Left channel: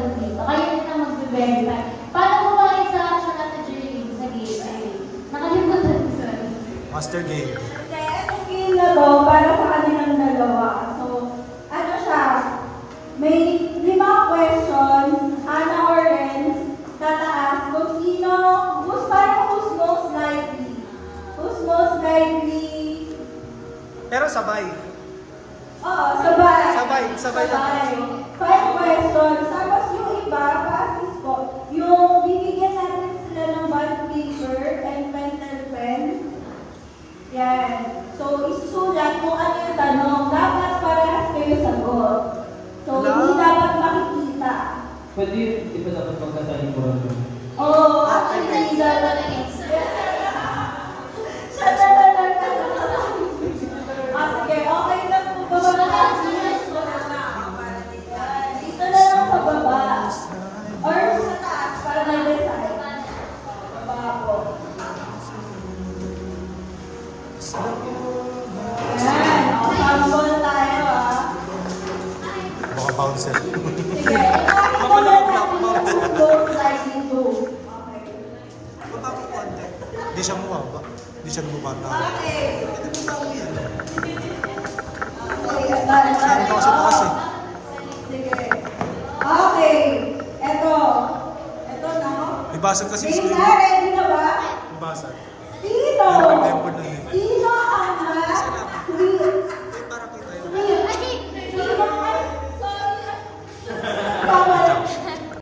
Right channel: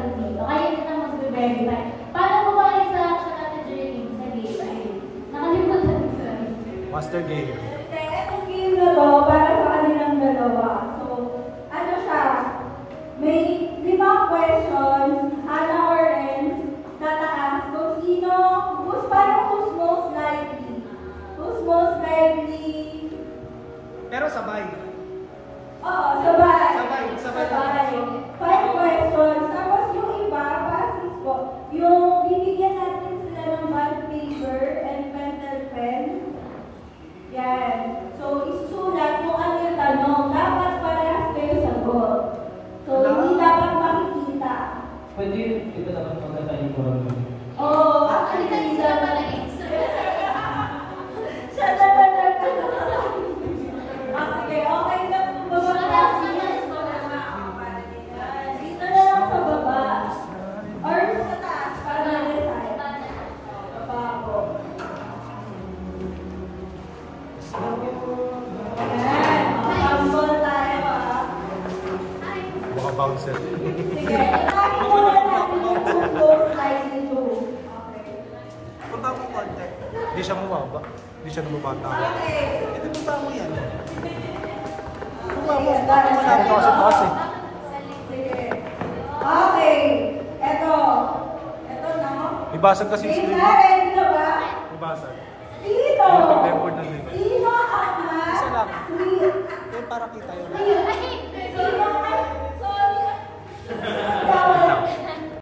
dito. Kaya kita mag-verify. Paano mo ba isa siya kata-journey sa game? Ay, nakalimutan ko sa Master game. Itong game na to, para sa kanilang dalawa. So, ano siya? May 5 questions, ano or ends, tataas. Kung sino, who's most likely? Who's most likely? Pero sabay. Oo, sabay. Sabay. 5 questions. Tapos yung iba, passes ko, yung bibigyan natin sila ng bond paper and pencil pen. Yan. So, isusulat kung ano yung tanong. Dapat parehas kayo sagot. So, hindi dapat makikita. Pwede yun, di ba dapat magkasalikuhan? Oo, actually, isa na lang answer. siya na talaga. Sige, okay na po ba? Dito na lang sa baba. Or sa taas, para na-decide. Baba ko. Yan. Sample tayo Baka bouncer. Sige, ikuha natin yung most likely to. Okay. Punta mo konti. Hindi siya mababa. Hindi siya namabata. Okay. Hindi punta mo yan. Punta Punta kasi taas eh. Sige. Okay. Ito na. May basag kasi yung screen. Ready na ba? May basag. Sino? May nag-tempered ng limit. Sino ang mas Isa lang. sweet? Eh, para kita yun. Sino